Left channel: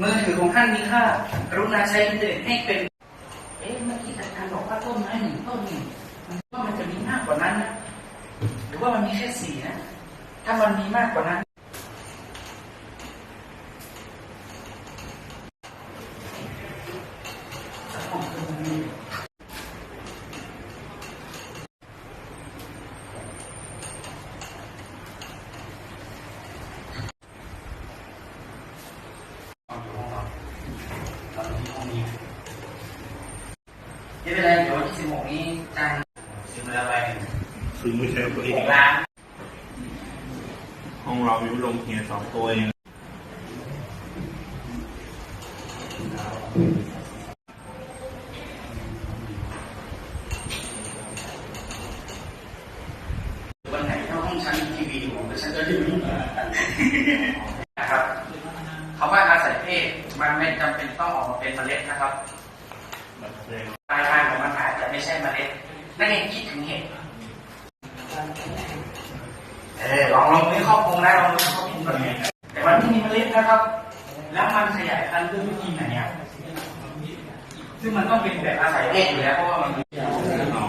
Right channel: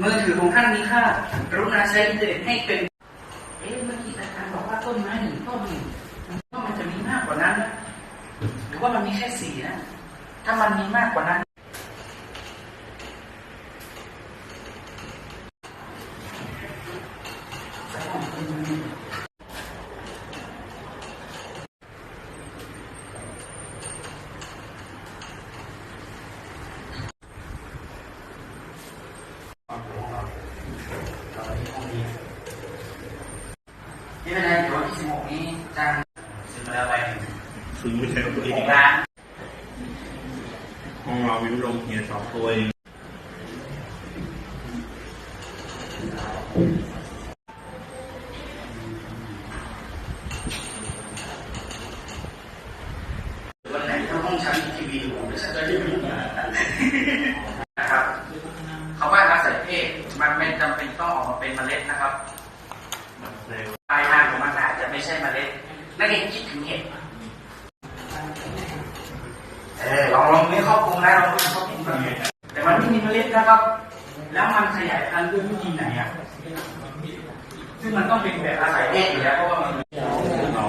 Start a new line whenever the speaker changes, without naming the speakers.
มือถือของท่านมีค่ากรุณาใช้อินเทอร์เน็ตให้เป็น เอ๊ะเมื่อกี้อาจารย์บอกว่าต้นไม้หนึ่งต้นหนึ่งว่ามันจะมีมากกว่านั้นนะหรือว่ามันมีแค่สี่นะ ถ้ามันมีมากกว่านั้น นี่เป็นแรงเดี๋ยวที่สิบหกนี้การซื้อมาแล้วไป
ซื้อไม่ใช่ตัวเอ
ห
ง
กล้าน
ห้องเราวิวลงเฮียสองตัวเอง
วันไหนถ้าห้องฉันมีทีวีอยู่เดี๋ยวฉันจะรีวิวนะครับคำว่าอาศัยเพศมันไม่จำเป็นต้องออกมาเป็นเมล็ดนะครับ ไม่ใช่เมล็ดนักเรียนคิดถึงเหตุเออลองลองไม่ครอบคลุมนะลองไม่ครอบคลุมแบบนี้แต่มันไม่มีเมล็ดนะครับ แล้วมันขยายพันธุ์ด้วยวิธีไหนอะซึ่งมันต้องเป็นแบบอาศัยเพศอยู่แล้วเพราะว่ามัน
เอา